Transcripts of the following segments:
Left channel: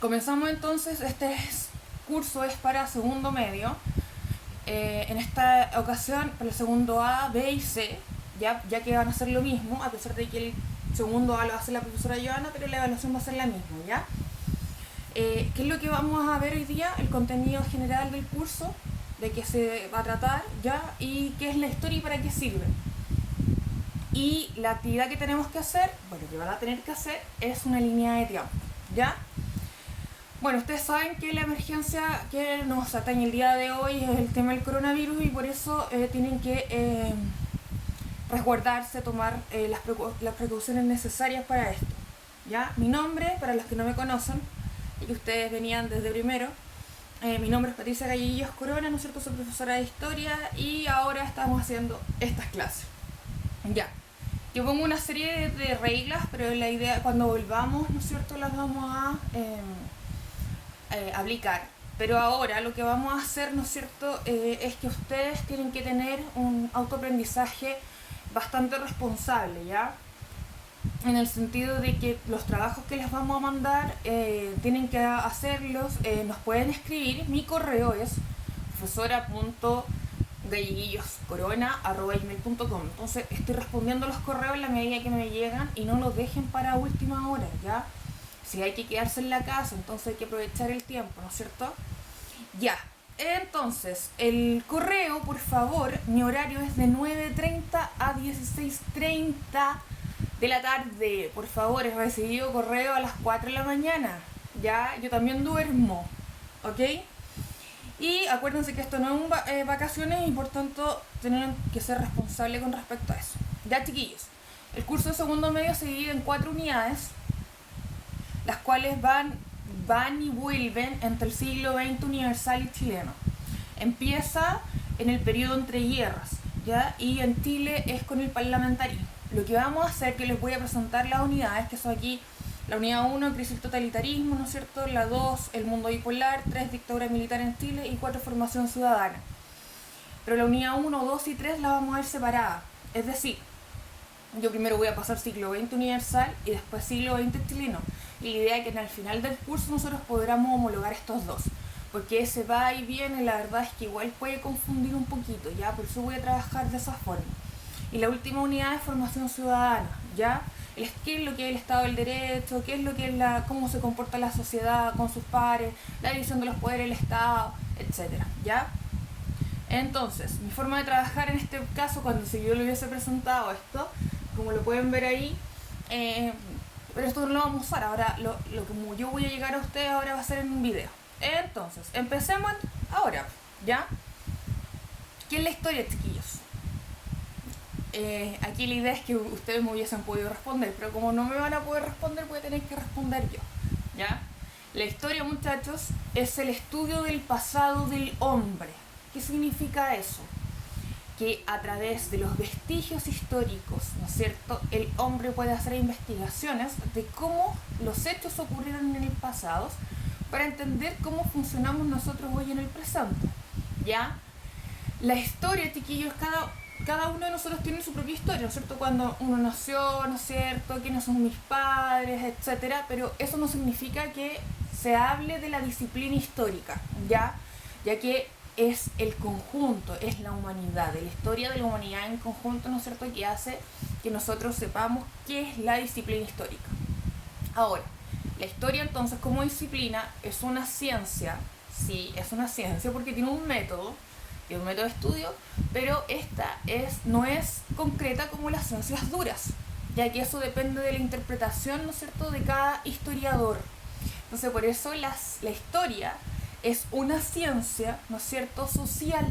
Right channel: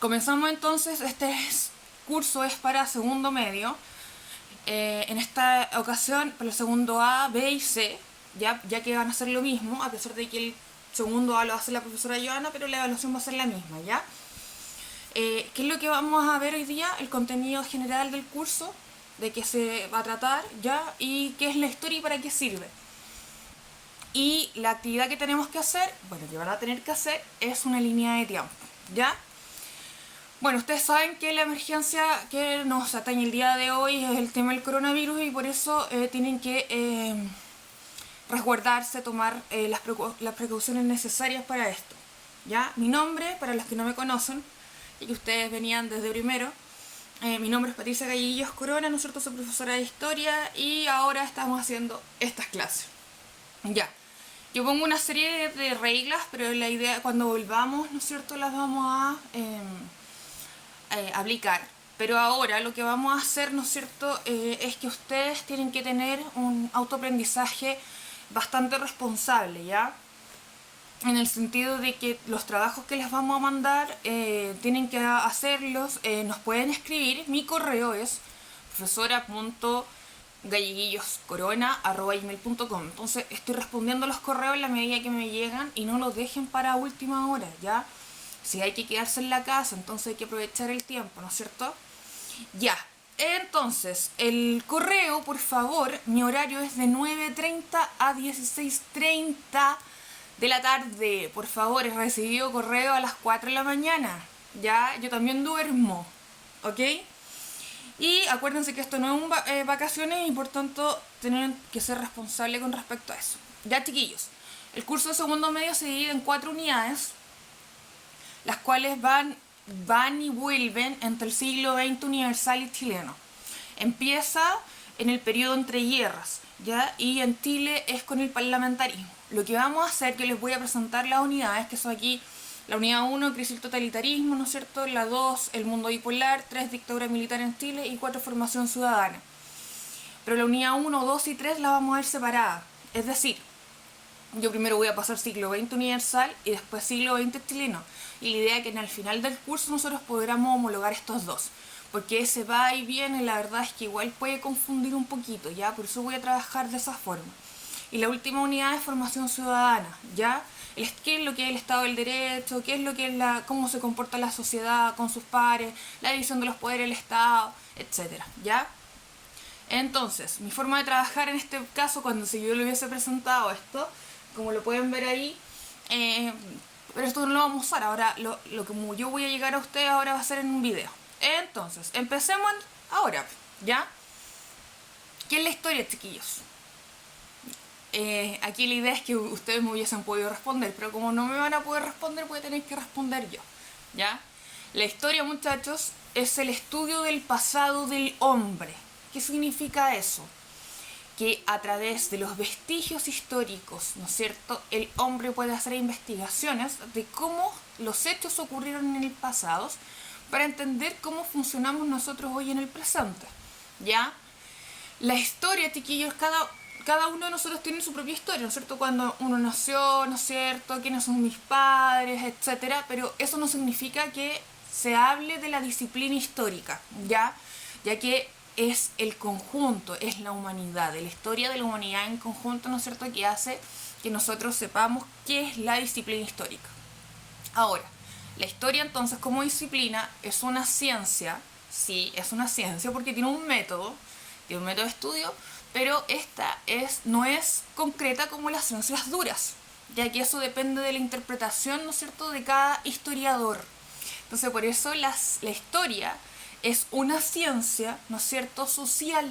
Comenzamos entonces, curso es para segundo medio. En esta ocasión para el segundo A, B y C, ya que van a ser lo mismo, a pesar de que el segundo A lo va a hacer la profesora Joana, pero la evaluación va a ser la misma, ¿ya? ¿Qué es lo que vamos a ver hoy día? El contenido general del curso, de qué se va a tratar, ¿ya? Y qué es la historia y para qué sirve. Y la actividad que tenemos que hacer, bueno, que van a tener que hacer, es una línea de tiempo, ¿ya? Bueno, ustedes saben que la emergencia que nos atañe el día de hoy es el tema del coronavirus y por eso tienen que resguardarse, tomar las precauciones necesarias para esto. ¿Ya? Mi nombre, para los que no me conocen y que ustedes venían desde primero, mi nombre es Patricia Galleguillos Corona, ¿no es cierto? Soy profesora de historia y ahora estamos haciendo estas clases. Ya. Yo pongo una serie de reglas, pero la idea cuando volvamos, ¿no es cierto?, las vamos a aplicar. Pero ahora lo que vamos a hacer, ¿no es cierto?, es que ustedes tienen que tener un autoaprendizaje bastante responsable, ¿ya? En el sentido de que los trabajos que les vamos a mandar tienen que hacerlos, nos pueden escribir. Mi correo es profesora.galleguilloscorona@gmail.com. Entonces estoy respondiendo los correos en la medida que me llegan y no los dejen para última hora, ¿ya? Si hay que quedarse en la casa, entonces hay que aprovechar el tiempo, ¿no es cierto? Ya, entonces, el correo, por favor, mi horario es de 9:30 a 16:30 de la tarde. Por favor, he recibido correo a las 4 de la mañana. Ya, yo también duermo, ¿ok? Y acuérdense que esto no es vacaciones y por tanto tienen que ser responsables con respecto a eso. Ya, chiquillos, el curso de segundo medio se divide en 4 unidades, las cuales van y vuelven entre el siglo XX universal y chileno. Empieza en el periodo entre guerras, ¿ya? Y en Chile es con el parlamentarismo. Lo que vamos a hacer, que les voy a presentar las unidades, que son aquí la unidad 1, crisis del totalitarismo, ¿no es cierto? La 2, el mundo bipolar, 3, dictadura militar en Chile y 4, formación ciudadana. Pero la unidad 1, 2 y 3 la vamos a ver separada. Es decir, yo primero voy a pasar siglo XX universal y después siglo XX chileno. Y la idea es que en el final del curso nosotros podamos homologar estos dos. Porque ese va y viene, la verdad es que igual puede confundir un poquito, ¿ya? Por eso voy a trabajar de esa forma. Y la última unidad es formación ciudadana, ¿ya? ¿Qué es lo que es el Estado del Derecho? ¿Qué es lo que es cómo se comporta la sociedad con sus pares? La división de los poderes del Estado, etcétera, ¿ya? Entonces, mi forma de trabajar en este caso, cuando si yo le hubiese presentado esto, como lo pueden ver ahí, pero esto no lo vamos a usar. Ahora, lo que yo voy a llegar a ustedes ahora va a ser en un video. Entonces, empecemos ahora, ¿ya? ¿Qué es la historia, chiquillos? Aquí la idea es que ustedes me hubiesen podido responder, pero como no me van a poder responder, voy a tener que responder yo, ¿ya? La historia, muchachos, es el estudio del pasado del hombre. ¿Qué significa eso? Que a través de los vestigios históricos, ¿no es cierto?, el hombre puede hacer investigaciones de cómo los hechos ocurrieron en el pasado para entender cómo funcionamos nosotros hoy en el presente, ¿ya? La historia, chiquillos, cada uno de nosotros tiene su propia historia, ¿no es cierto? Cuando uno nació, ¿no es cierto?, quiénes son mis padres, etcétera, pero eso no significa que se hable de la disciplina histórica, ya que es el conjunto, es la humanidad, de la historia de la humanidad en conjunto, ¿no es cierto?, que hace que nosotros sepamos qué es la disciplina histórica. Ahora, la historia entonces como disciplina es una ciencia, sí, es una ciencia porque tiene un método de estudio, pero esta no es concreta como las ciencias duras, ya que eso depende de la interpretación, ¿no es cierto?, de cada historiador. Entonces por eso la historia es una ciencia, ¿no es cierto?, social,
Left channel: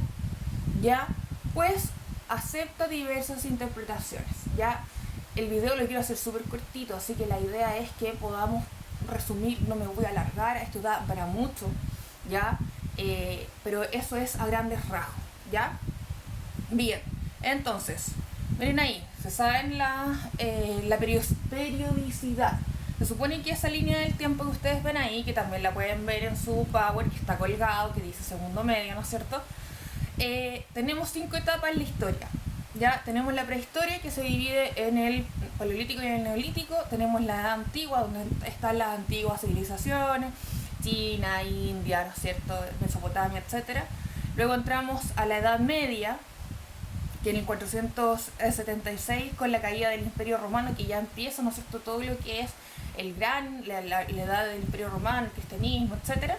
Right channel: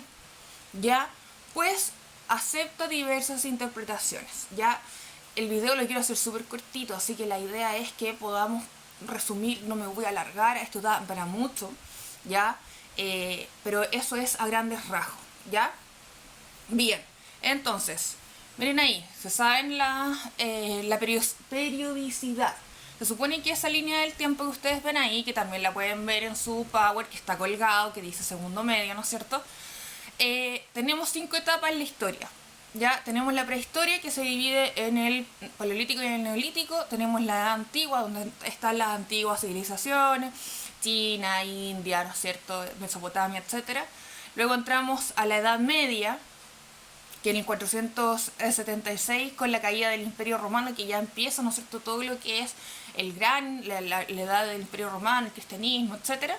¿ya? Pues acepta diversas interpretaciones, ¿ya? El video lo quiero hacer súper cortito, así que la idea es que podamos resumir, no me voy a alargar, esto da para mucho, ¿ya? Pero eso es a grandes rasgos, ¿ya? Bien, entonces, miren ahí, se saben la periodicidad. Se supone que esa línea del tiempo que ustedes ven ahí, que también la pueden ver en su Power, que está colgado, que dice segundo medio, ¿no es cierto? Tenemos 5 etapas en la historia, Ya tenemos la prehistoria, que se divide en el paleolítico y en el neolítico. Tenemos la edad antigua, donde están las antiguas civilizaciones, China, India, ¿no es cierto?, Mesopotamia, etcétera. Luego entramos a la Edad Media, que en el 476, con la caída del Imperio Romano, que ya empieza, ¿no es cierto?, todo lo que es la edad del Imperio Romano, el cristianismo, etcétera,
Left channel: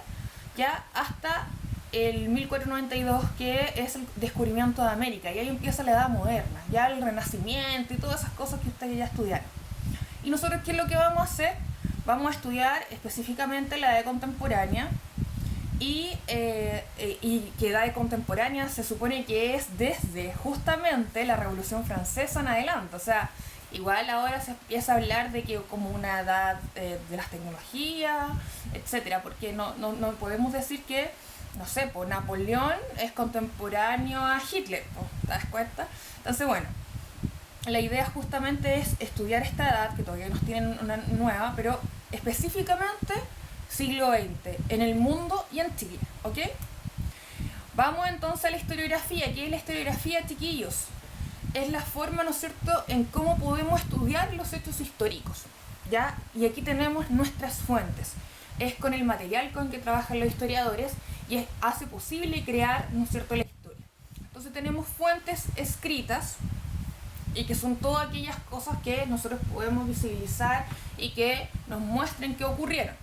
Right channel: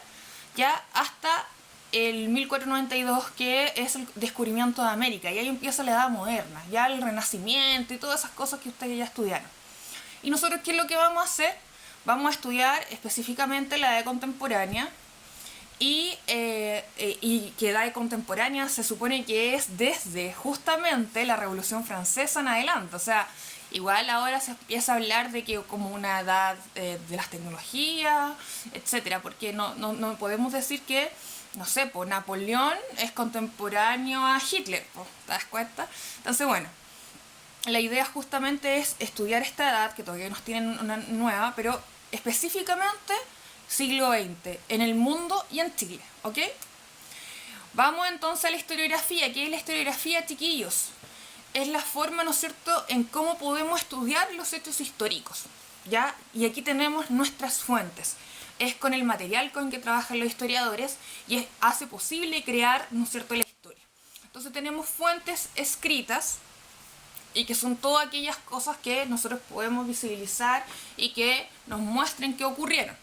ya hasta el 1492, que es el descubrimiento de América, y ahí empieza la Edad Moderna, ya el Renacimiento y todas esas cosas que ustedes ya estudiaron. Y nosotros, ¿qué es lo que vamos a hacer? Vamos a estudiar específicamente la Edad Contemporánea, y que edad contemporánea se supone que es desde justamente la Revolución Francesa en adelante. O sea, igual ahora se empieza a hablar de que como una edad de las tecnologías, etcétera, porque no podemos decir que, no sé, pues Napoleón es contemporáneo a Hitler, pues, ¿te das cuenta? Entonces, bueno, la idea justamente es estudiar esta edad, que todavía nos tienen una nueva, pero específicamente siglo XX, en el mundo y en Chile, ¿ok? Vamos entonces a la historiografía. ¿Qué es la historiografía, chiquillos? Es la forma, ¿no es cierto?, en cómo podemos estudiar los hechos históricos, ¿ya? Y aquí tenemos nuestras fuentes. Es con el material con que trabajan los historiadores y hace posible crear, ¿no es cierto?, la historia. Entonces tenemos fuentes escritas, y que son todas aquellas cosas que nosotros podemos visibilizar y que nos muestren qué ocurrieron.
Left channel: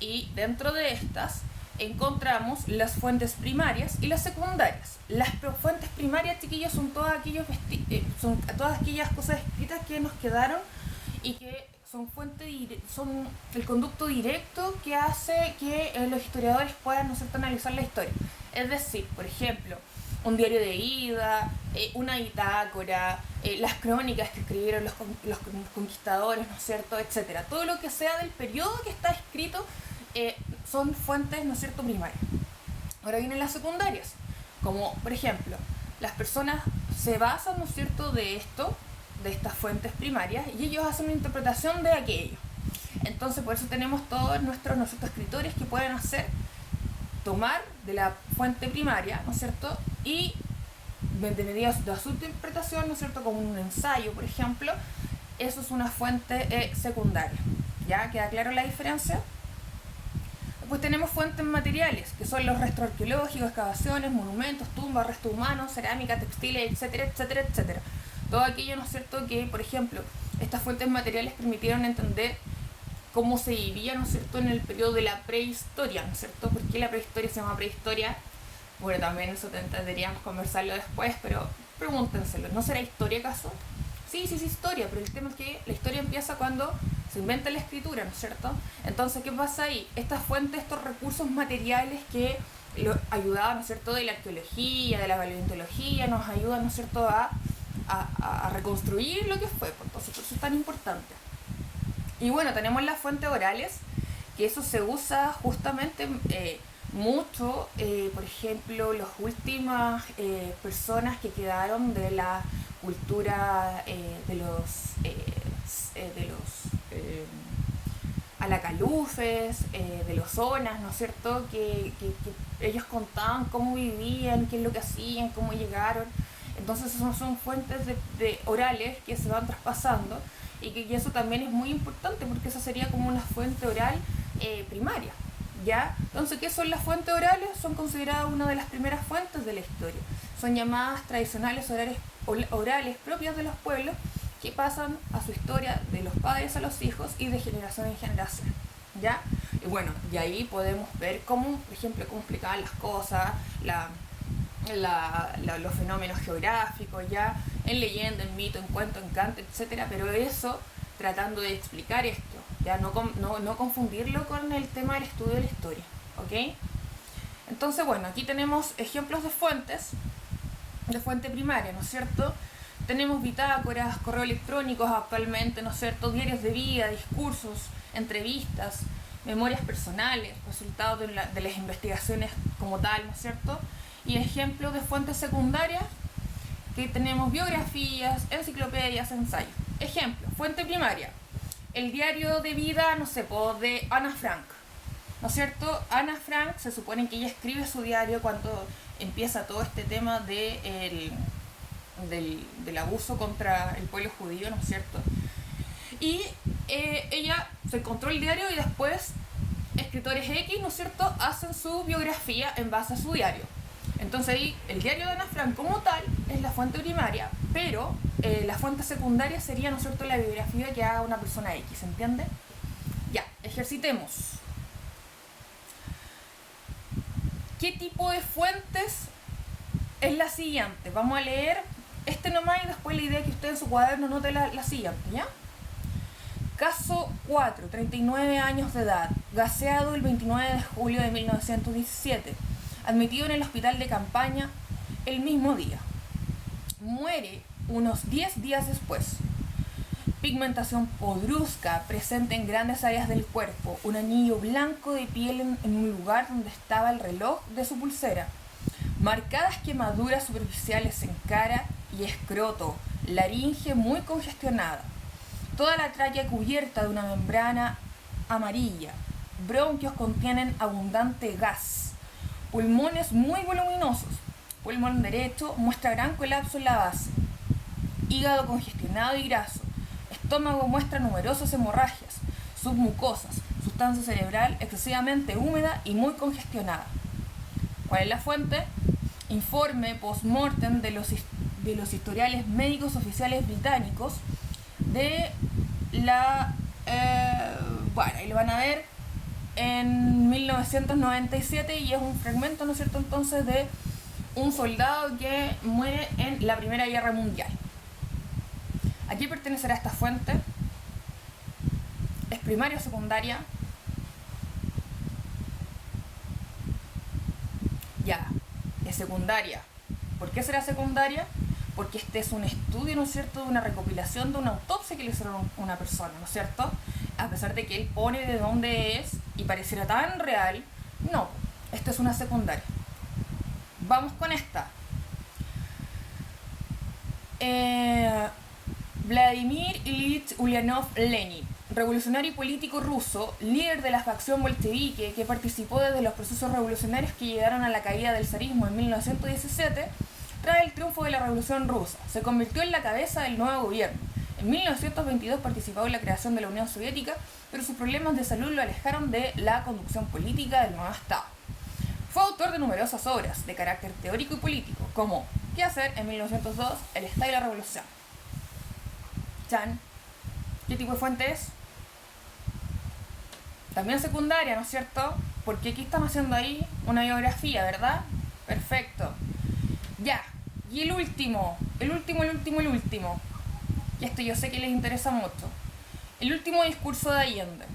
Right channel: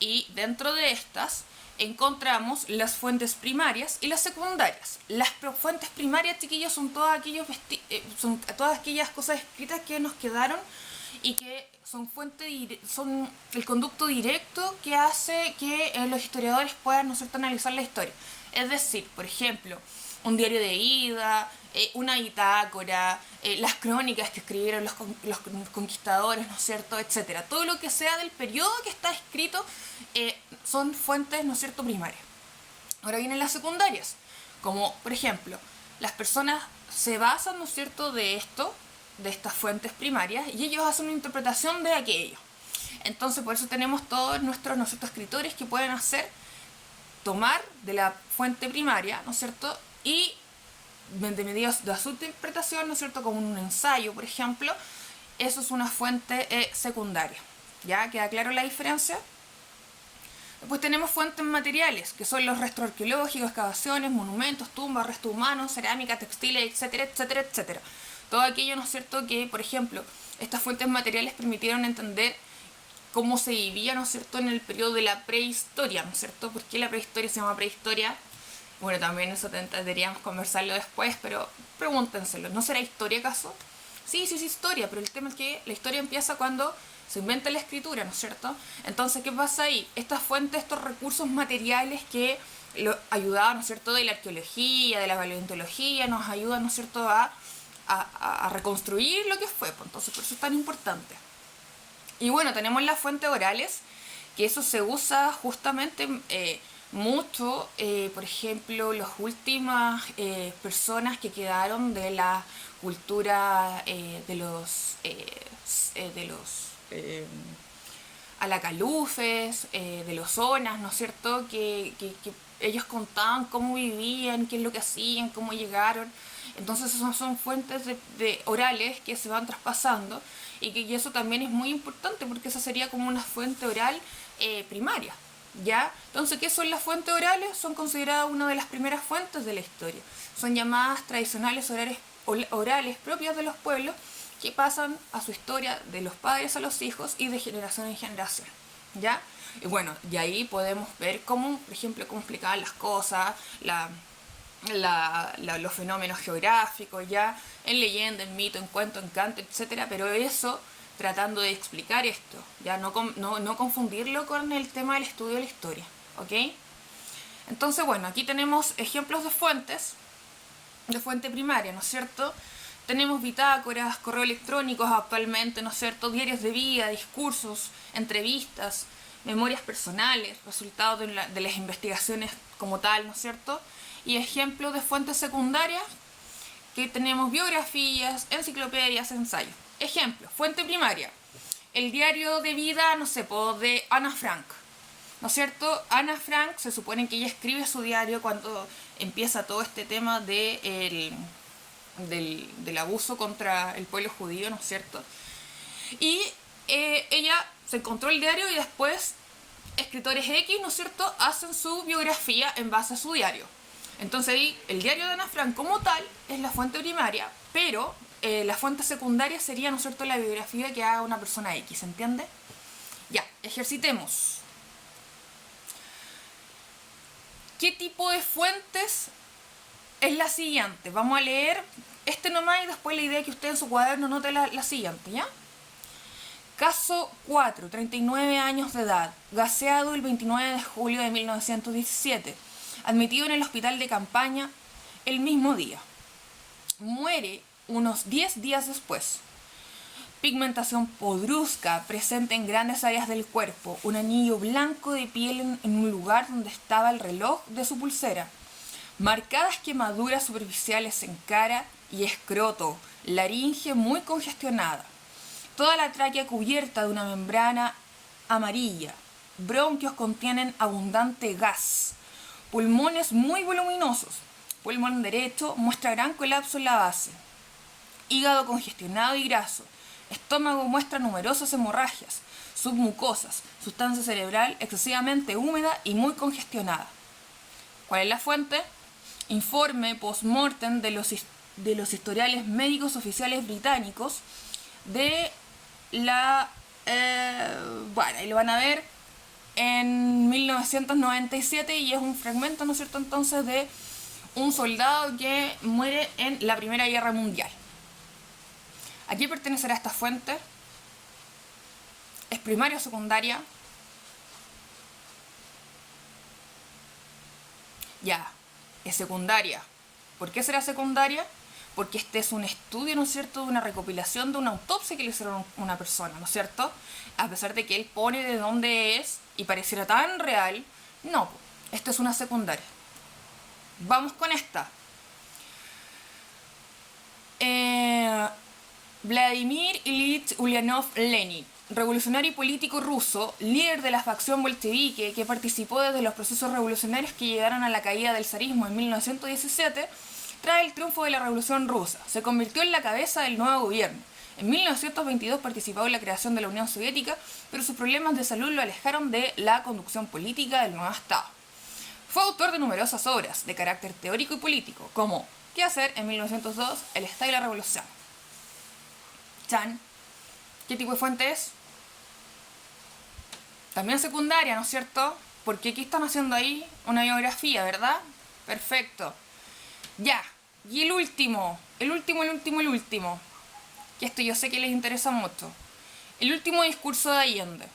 Y dentro de estas encontramos las fuentes primarias y las secundarias. Las fuentes primarias, chiquillos, son todas aquellas cosas escritas que nos quedaron y que son el conducto directo que hace que los historiadores puedan, ¿no es cierto?, analizar la historia. Es decir, por ejemplo, un diario de ida, una bitácora, las crónicas que escribieron los conquistadores, ¿no es cierto?, etcétera. Todo lo que sea del periodo que está escrito son fuentes, ¿no es cierto?, primarias. Ahora vienen las secundarias, como por ejemplo, las personas se basan, ¿no es cierto?, de estas fuentes primarias, y ellos hacen una interpretación de aquello. Entonces, por eso tenemos todos nuestros escritores que pueden tomar de la fuente primaria, ¿no es cierto?, y de medidas de su interpretación, ¿no es cierto?, como un ensayo, por ejemplo. Eso es una fuente secundaria. ¿Ya? ¿Queda claro la diferencia? Después tenemos fuentes materiales, que son los restos arqueológicos, excavaciones, monumentos, tumbas, restos humanos, cerámica, textiles, etcétera, etcétera, etcétera. Todo aquello, ¿no es cierto?, que, por ejemplo, estas fuentes materiales permitieron entender cómo se vivía, ¿no es cierto?, en el periodo de la prehistoria, ¿no es cierto? ¿Por qué la prehistoria se llama prehistoria? Bueno, también eso deberíamos conversarlo después, pero pregúntenselo, ¿no será historia acaso? Sí, historia, pero el tema es que la historia empieza cuando se inventa la escritura, ¿no es cierto? Entonces, ¿qué pasa ahí? Estas fuentes, estos recursos materiales que ayudaban, ¿no es cierto?, de la arqueología, de la paleontología, nos ayudan, ¿no es cierto?, a reconstruir lo que fue, pues, entonces por eso es tan importante. Y bueno, tenemos las fuentes orales, que eso se usa justamente mucho, por ejemplo, las últimas personas que quedaron de la cultura de los alacalufes, de los zonas, ¿no es cierto?, que ellos contaban cómo vivían, qué es lo que hacían, cómo llegaron. Entonces son fuentes de orales que se van traspasando, y eso también es muy importante porque esa sería como una fuente oral primaria, ¿ya? Entonces, ¿qué son las fuentes orales? Son consideradas una de las primeras fuentes de la historia. Son llamadas tradicionales orales propias de los pueblos, que pasan a su historia de los padres a los hijos y de generación en generación, ¿ya? Y bueno, y ahí podemos ver cómo, por ejemplo, cómo explicaban las cosas, los fenómenos geográficos, ya en leyenda, en mito, en cuento, en canto, etcétera, pero eso tratando de explicar esto, ya no confundirlo con el tema del estudio de la historia, ¿ok? Entonces, bueno, aquí tenemos ejemplos de fuente primaria, ¿no es cierto? Tenemos bitácoras, correos electrónicos actualmente, ¿no es cierto?, diarios de vida, discursos, entrevistas, memorias personales, resultados de las investigaciones como tal, ¿no es cierto? Y ejemplos de fuentes secundarias, que tenemos biografías, enciclopedias, ensayos. Ejemplo, fuente primaria, el diario de vida, no sé, de Ana Frank, ¿no es cierto? Ana Frank, se supone que ella escribe su diario cuando empieza todo este tema de del abuso contra el pueblo judío, ¿no es cierto? Y ella se encontró el diario y después escritores X, ¿no es cierto?, hacen su biografía en base a su diario. Entonces ahí el diario de Ana Frank como tal es la fuente primaria, pero la fuente secundaria sería, ¿no es cierto?, la biografía que haga una persona X, ¿entiende? Ya, ejercitemos. ¿Qué tipo de fuentes es la siguiente? Vamos a leer este nomás y después la idea es que usted en su cuaderno note la siguiente, ¿ya? Caso 4, 39 años de edad, gaseado el 29 de julio de 1917, admitido en el hospital de campaña el mismo día. Muere unos 10 días después. Pigmentación podrusca presente en grandes áreas del cuerpo, un anillo blanco de piel en un lugar donde estaba el reloj de su pulsera, marcadas quemaduras superficiales en cara y escroto, laringe muy congestionada, toda la tráquea cubierta de una membrana amarilla, bronquios contienen abundante gas, pulmones muy voluminosos, pulmón derecho muestra gran colapso en la base, hígado congestionado y graso, estómago muestra numerosas hemorragias, submucosas, sustancia cerebral excesivamente húmeda y muy congestionada. ¿Cuál es la fuente? Informe post-mortem de los historiales médicos oficiales británicos de la... bueno, ahí lo van a ver en 1997 y es un fragmento, ¿no es cierto?, entonces de un soldado que muere en la Primera Guerra Mundial. ¿A qué pertenecerá esta fuente? ¿Es primaria o secundaria? Ya, es secundaria. ¿Por qué será secundaria? Porque este es un estudio, ¿no es cierto?, de una recopilación de una autopsia que le hicieron a una persona, ¿no es cierto? A pesar de que él pone de dónde es y pareciera tan real, no, esto es una secundaria. Vamos con esta. Vladimir Ilich Ulyanov Lenin, revolucionario y político ruso, líder de la facción bolchevique que participó desde los procesos revolucionarios que llegaron a la caída del zarismo en 1917, tras el triunfo de la Revolución Rusa, se convirtió en la cabeza del nuevo gobierno. En 1922 participó en la creación de la Unión Soviética, pero sus problemas de salud lo alejaron de la conducción política del nuevo Estado. Fue autor de numerosas obras de carácter teórico y político, como ¿Qué hacer? En 1902, El Estado y la Revolución. Chan. ¿Qué tipo de fuente es? También secundaria, ¿no es cierto? Porque aquí están haciendo ahí una biografía, ¿verdad? Perfecto. Ya. Y el último. Y esto yo sé que les interesa mucho. El último discurso de Allende.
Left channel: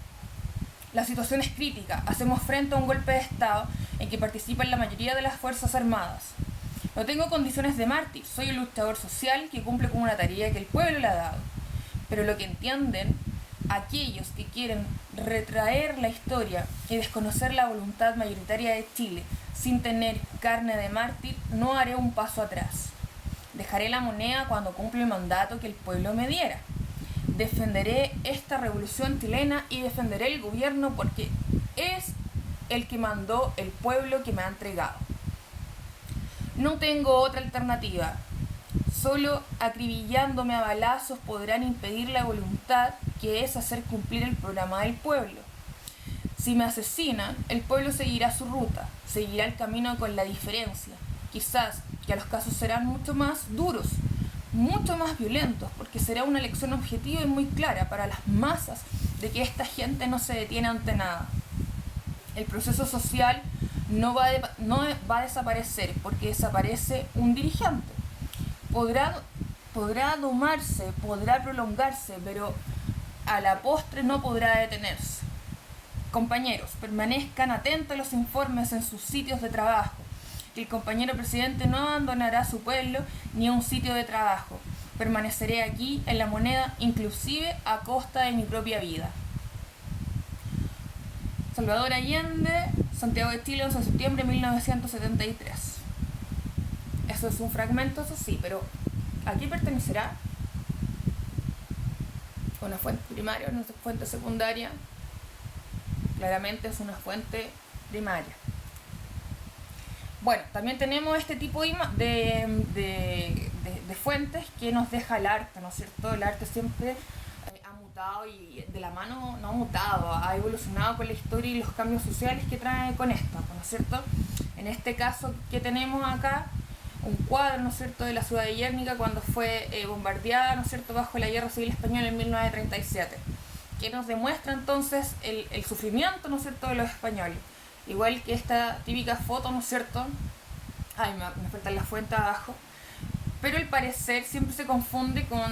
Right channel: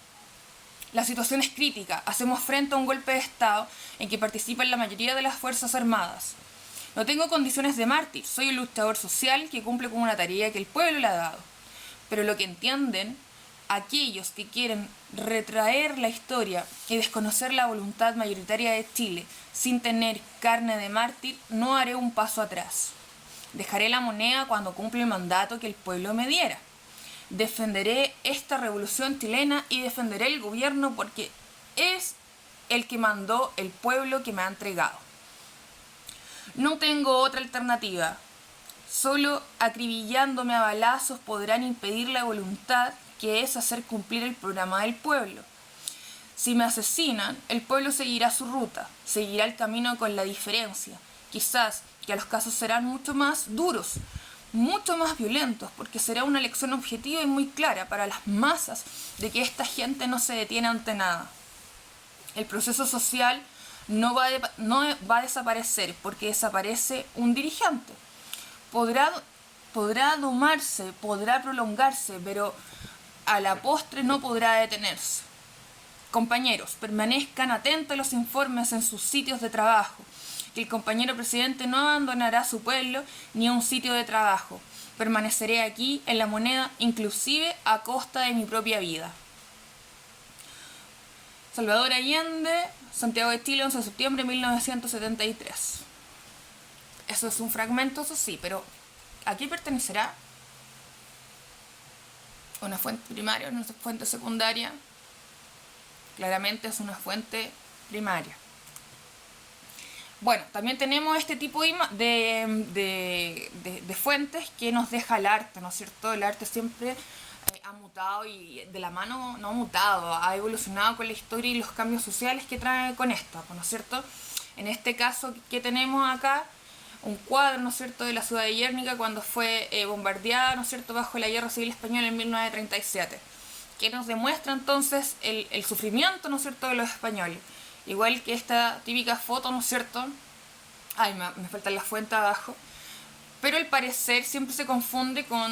La situación es crítica. Hacemos frente a un golpe de Estado en que participan la mayoría de las Fuerzas Armadas. No tengo condiciones de mártir. Soy un luchador social que cumple con una tarea que el pueblo le ha dado. Pero lo que entienden aquellos que quieren retraer la historia y desconocer la voluntad mayoritaria de Chile sin tener carne de mártir, no haré un paso atrás. Dejaré la moneda cuando cumpla el mandato que el pueblo me diera. Defenderé esta revolución chilena y defenderé el gobierno porque es el que mandó el pueblo que me ha entregado. No tengo otra alternativa. Solo acribillándome a balazos podrán impedir la voluntad que es hacer cumplir el programa del pueblo. Si me asesinan, el pueblo seguirá su ruta, seguirá el camino con la diferencia. Quizás que los casos serán mucho más duros, mucho más violentos, porque será una lección objetiva y muy clara para las masas de que esta gente no se detiene ante nada. El proceso social no va a desaparecer porque desaparece un dirigente. Podrá domarse, podrá prolongarse, pero a la postre no podrá detenerse. Compañeros, permanezcan atentos a los informes en sus sitios de trabajo, que el compañero presidente no abandonará su pueblo ni a un sitio de trabajo. Permaneceré aquí en la moneda, inclusive a costa de mi propia vida. Salvador Allende, Santiago de Chile, 11 de septiembre de 1973. Eso es un fragmento, eso sí, pero ¿a qué pertenecerá? ¿Una fuente primaria o una fuente secundaria? Claramente es una fuente primaria. Bueno, también tenemos este tipo de fuentes que nos deja el arte, ¿no es cierto? El arte siempre ha mutado y de la mano no ha mutado, ha evolucionado con la historia y los cambios sociales que trae con esto, ¿no es cierto? En este caso que tenemos acá, un cuadro, ¿no es cierto?, de la ciudad de Guernica cuando fue bombardeada, ¿no es cierto?, bajo la Guerra Civil Española en 1937, que nos demuestra entonces el sufrimiento, ¿no es cierto?, de los españoles. Igual que esta típica foto, ¿no es cierto? Ay, me falta la fuente abajo. Pero al parecer siempre se confunde con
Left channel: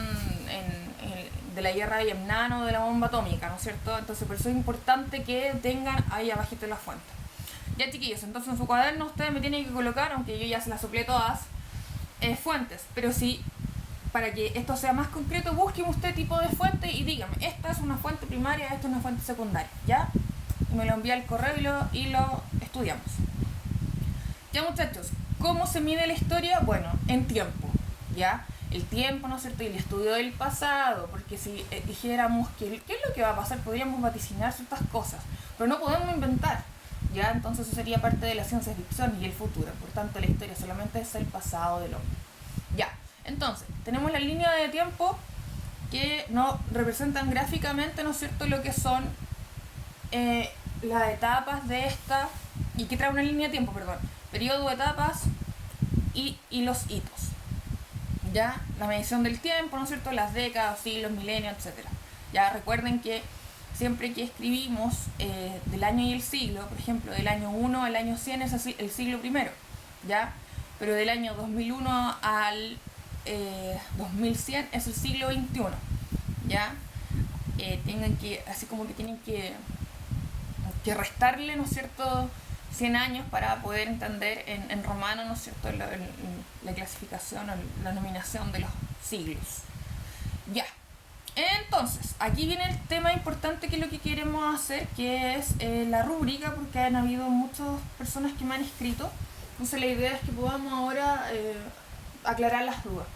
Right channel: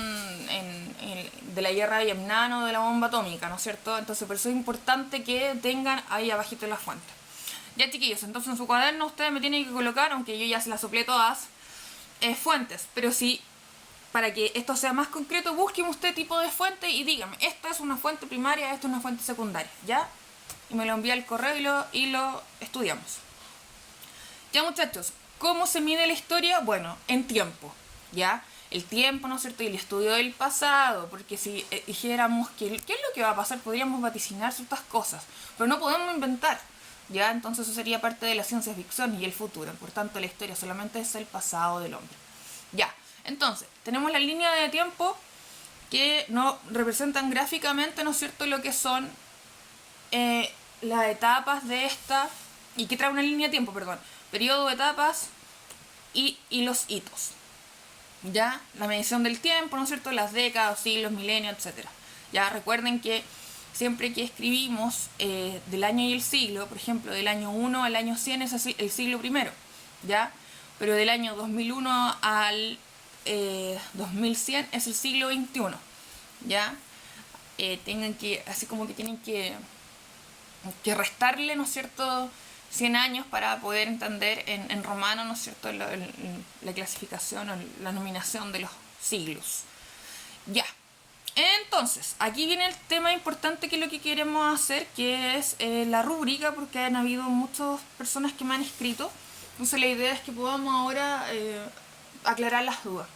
de la guerra de Vietnam o de la bomba atómica, ¿no es cierto? Entonces por eso es importante que tengan ahí abajito la fuente. Ya, chiquillos, entonces en su cuaderno ustedes me tienen que colocar, aunque yo ya se las soplé todas, fuentes. Pero si, para que esto sea más concreto, busquen usted tipo de fuente y dígame, esta es una fuente primaria, esta es una fuente secundaria, ¿ya? Y me lo envía al correo y lo estudiamos. Ya, muchachos, ¿cómo se mide la historia? Bueno, en tiempo, ¿ya? El tiempo, ¿no es cierto? Y el estudio del pasado, porque si dijéramos qué es lo que va a pasar, podríamos vaticinar ciertas cosas, pero no podemos inventar, ¿ya? Entonces eso sería parte de la ciencia ficción y el futuro. Por tanto, la historia solamente es el pasado del hombre. Ya, entonces, tenemos la línea de tiempo que nos representan gráficamente, ¿no es cierto?, lo que son las etapas de esta, y que trae una línea de tiempo, perdón, periodo, etapas y los hitos. Ya, la medición del tiempo, ¿no es cierto?, las décadas, siglos, milenios, etcétera. Ya, recuerden que siempre que escribimos del año y el siglo, por ejemplo, del año 1 al año 100 es el siglo primero, ¿ya? Pero del año 2001 al 2100 es el siglo XXI, ¿ya? Tengan que, así como que tienen que restarle, ¿no es cierto?, 100 años para poder entender en romano, ¿no es cierto?, la clasificación o la nominación de los siglos. Ya. Entonces, aquí viene el tema importante que es lo que queremos hacer, que es la rúbrica, porque han habido muchas personas que me han escrito. Entonces la idea es que podamos ahora aclarar las dudas.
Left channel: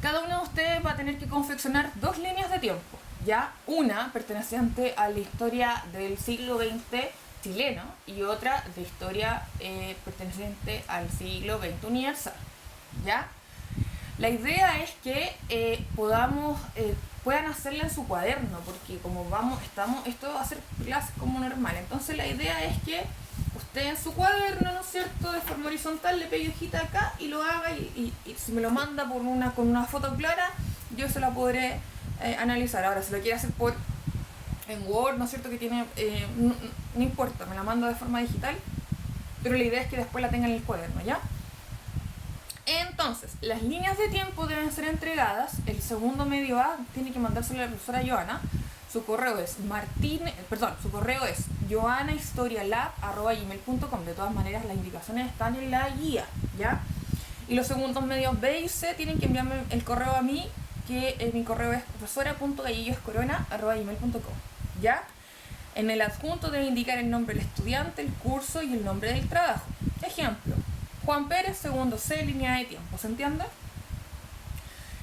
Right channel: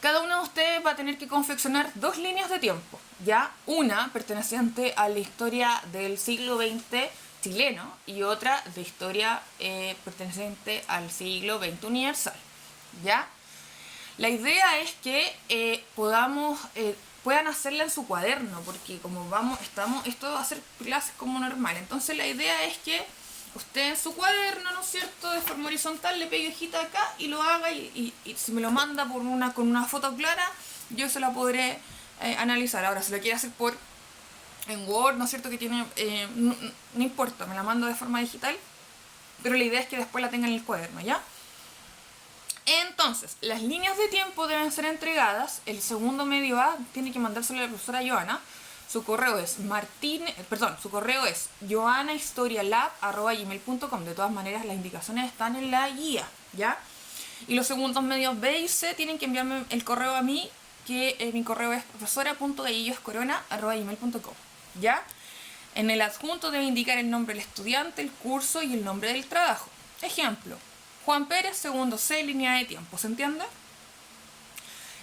Cada uno de ustedes va a tener que confeccionar 2 líneas de tiempo, ¿ya? Una perteneciente a la historia del siglo XX chileno y otra de historia perteneciente al siglo XX universal, ¿ya? La idea es que puedan hacerla en su cuaderno, porque como esto va a ser clases como normal. Entonces la idea es que usted en su cuaderno, ¿no es cierto?, de forma horizontal le pegue hojita acá y lo haga y si me lo manda con una foto clara, yo se la podré analizar. Ahora, si lo quiere hacer en Word, ¿no es cierto?, que tiene no importa, me la mando de forma digital, pero la idea es que después la tenga en el cuaderno, ¿ya? Entonces, las líneas de tiempo deben ser entregadas. El segundo medio A tiene que mandárselo a la profesora Joana. Su correo es joanahistorialab@gmail.com. De todas maneras, las indicaciones están en la guía, ¿ya? Y los segundos medios B y C tienen que enviarme el correo a mí, que mi correo es profesora.gallilloscorona@gmail.com, ¿ya? En el adjunto debe indicar el nombre del estudiante, el curso y el nombre del trabajo. Ejemplo: Juan Pérez, segundo C, línea de tiempo, ¿se entiende?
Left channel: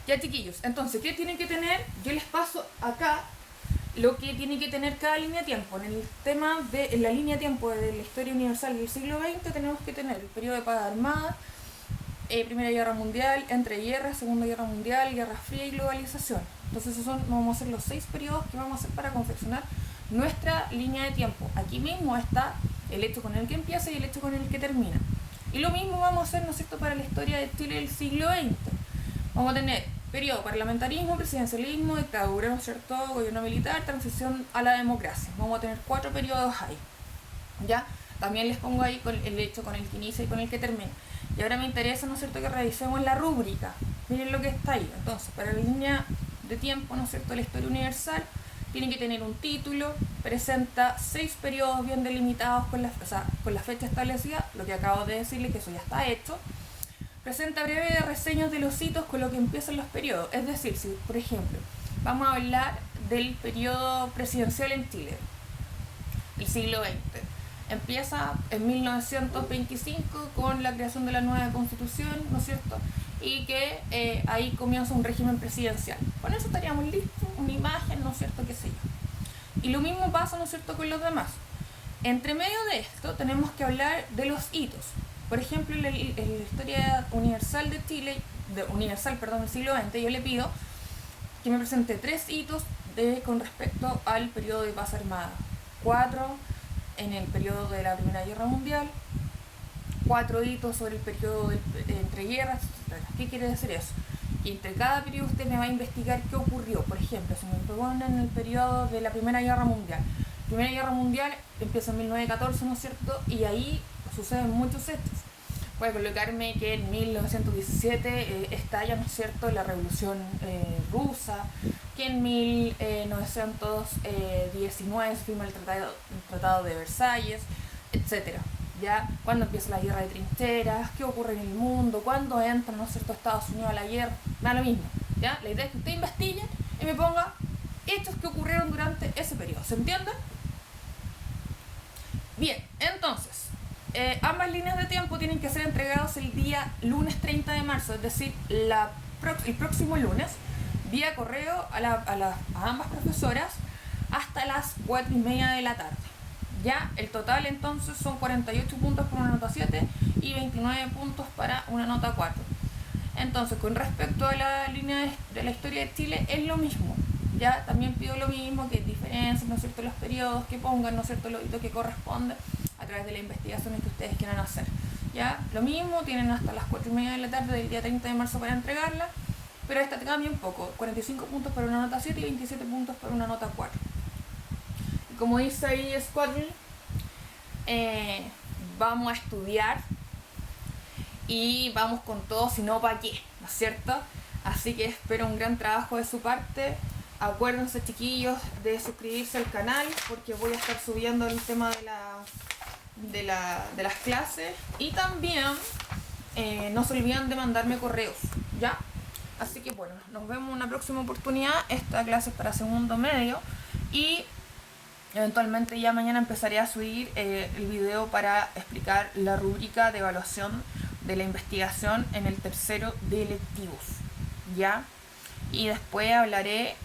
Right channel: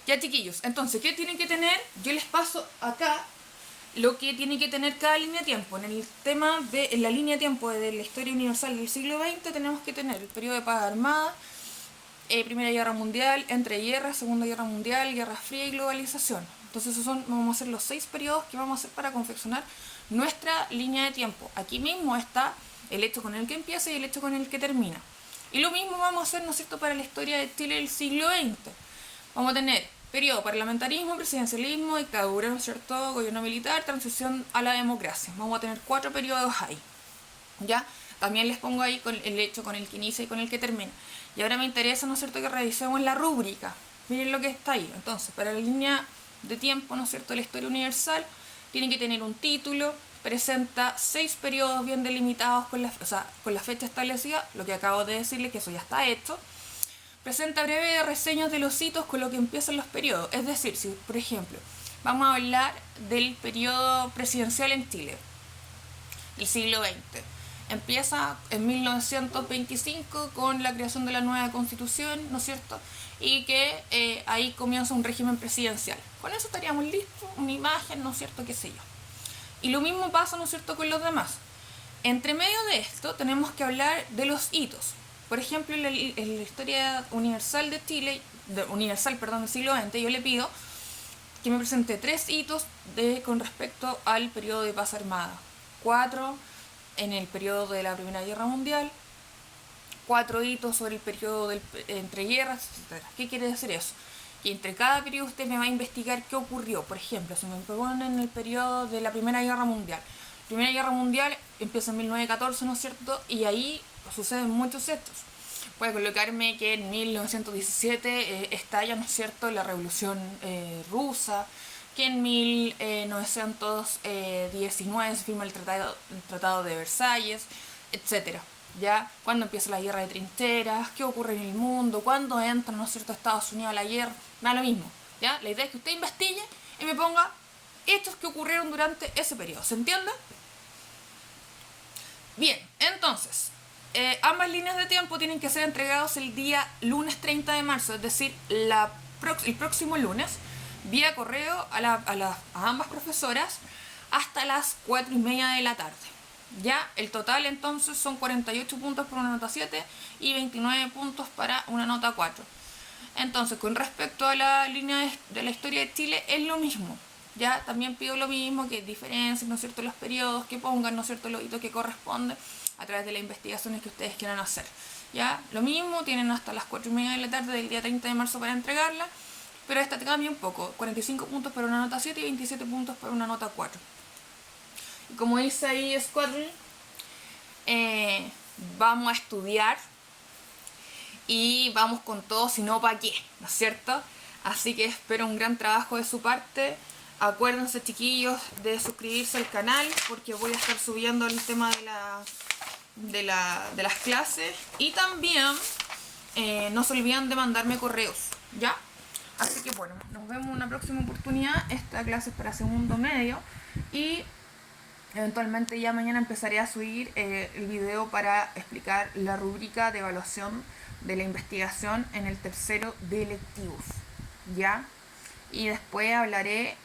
Ya, chiquillos, entonces, ¿qué tienen que tener? Yo les paso acá lo que tiene que tener cada línea de tiempo. En el tema de la línea de tiempo de la historia universal del siglo XX tenemos que tener el periodo de paz armada, Primera Guerra Mundial, entreguerras, Segunda Guerra Mundial, Guerra Fría y globalización. Entonces vamos a hacer los 6 periodos que vamos a hacer para confeccionar nuestra línea de tiempo. Aquí mismo está el hecho con el que empieza y el hecho con el que termina. Y lo mismo vamos a hacer, ¿no es cierto?, para la historia de Chile del siglo XX. Vamos a tener periodo parlamentarismo, presidencialismo, dictadura, ¿no es cierto?, gobierno militar, transición a la democracia. Vamos a tener 4 periodos ahí, ¿ya? También les pongo ahí el hecho con el que inicia y con el que termina. Y ahora me interesa, ¿no es cierto?, que revisemos la rúbrica. Miren lo que está ahí. Entonces, para la línea de tiempo, ¿no es cierto?, la historia universal tiene que tener un título, presenta 6 periodos bien delimitados con la fecha establecida, lo que acabo de decirle, que eso ya está hecho. Presenta breve reseñas de los hitos con lo que empiezan los periodos. Es decir, si por ejemplo vamos a hablar del periodo presidencial en Chile, el siglo XX, empieza en 1925 con la creación de la nueva constitución, ¿no es cierto?, y que ahí comienza un régimen presidencial. Con eso estaríamos listos, una imagen, ¿no es cierto?, qué sé yo. Y lo mismo pasa, ¿no es cierto?, con los demás. Entre medio de esto tenemos que hablar de los hitos. Por ejemplo, en la historia universal de Chile, del siglo XX, yo le pido que me presente 3 hitos con respecto al periodo de paz armada, 4 en el periodo de la Primera Guerra Mundial, 4 hitos sobre el periodo entre guerras, etc. ¿Qué quiere decir eso? Y entre cada periodo usted me va a investigar qué ocurrió. Por ejemplo, si me proponen en el periodo de la Primera Guerra Mundial. La Primera Guerra Mundial empieza en 1914, ¿no es cierto? Y ahí suceden muchos hechos. Puede colocarme que en 1917 estalla, ¿no es cierto?, la Revolución Rusa, que en 1919 se firma el Tratado de Versalles, etc. ¿Ya? Cuándo empieza la guerra de trincheras, qué ocurre en el mundo, cuándo entra, ¿no es cierto?, Estados Unidos a la guerra, da lo mismo. ¿Ya? La idea es que usted investigue y me ponga hechos que ocurrieron durante ese periodo. ¿Se entiende? Bien, entonces, ambas líneas de tiempo tienen que ser entregados el día lunes 30 de marzo, es decir, el próximo lunes, vía correo a ambas profesoras hasta las 4:30 de la tarde. Ya, el total entonces son 48 puntos para una nota 7 y 29 puntos para una nota 4. Entonces, con respecto a la línea de la historia de Chile, es lo mismo. Ya, también pido lo mismo, que diferencien, ¿no es cierto?, los periodos, que pongan, ¿no es cierto?, los hitos que corresponden a través de las investigaciones que ustedes quieran hacer. Ya, lo mismo, tienen hasta las 4:30 de la tarde del día 30 de marzo para entregarla, pero esta te cambia un poco, 45 puntos para una nota 7 y 27 puntos para una nota 4. Y como dice ahí Squadron, vamos a estudiar y vamos con todo, si no, ¿para qué? ¿No es cierto? Así que espero un gran trabajo de su parte. Acuérdense, chiquillos, de suscribirse al canal porque voy a estar subiendo el tema de las clases. Y también no se olviden de mandarme correos, ¿ya? Así que bueno, nos vemos en una próxima oportunidad. Esta clase es para segundo medio y eventualmente ya mañana empezaré a subir el video para explicar la rúbrica de evaluación de la investigación en el tercero de electivos, ¿ya? Y después hablaré,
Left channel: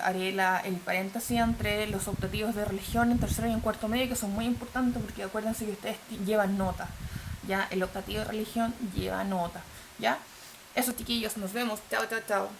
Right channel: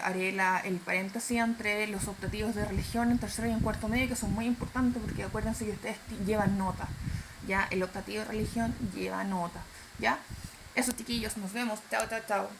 haré el paréntesis entre los optativos de religión en tercero y en cuarto medio, que son muy importantes porque acuérdense que ustedes llevan nota, ¿ya? El optativo de religión lleva nota, ¿ya? Eso, chiquillos, nos vemos, chao, chao, chao.